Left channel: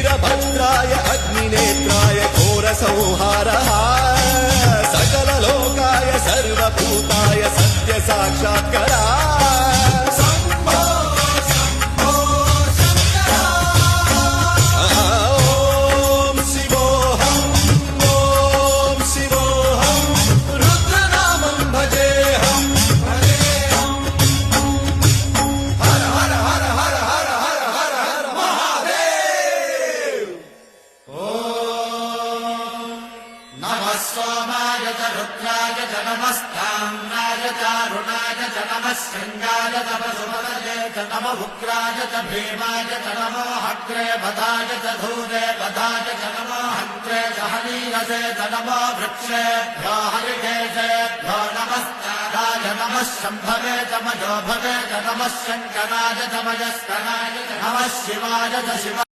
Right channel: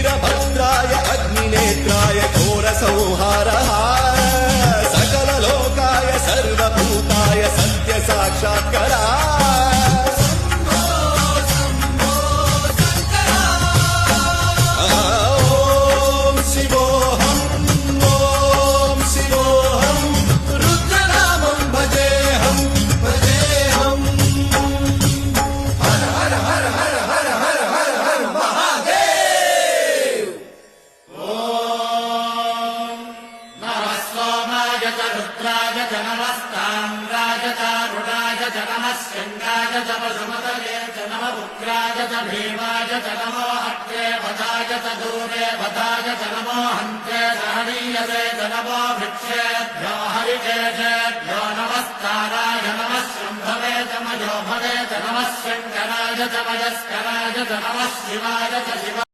वीरभद्राय अग्निनेत्राय घोरसंहारः सकललोकाय सर्वभूताय सत्यसाक्षात्करा स्कन्दाय च पशुपतये च नमः उग्राय च भीमाय च नमो हत्रे वधाय च धूरे वधाय च नमो हन्त्रे सहनीयसे च नमो वृक्षेभ्यो हरिकेशेभ्यो नमस्काराय नमः शम्भवे च मयोभवे च नमः शङ्कराय च मयस्कराय च नमः शिवाय च शिव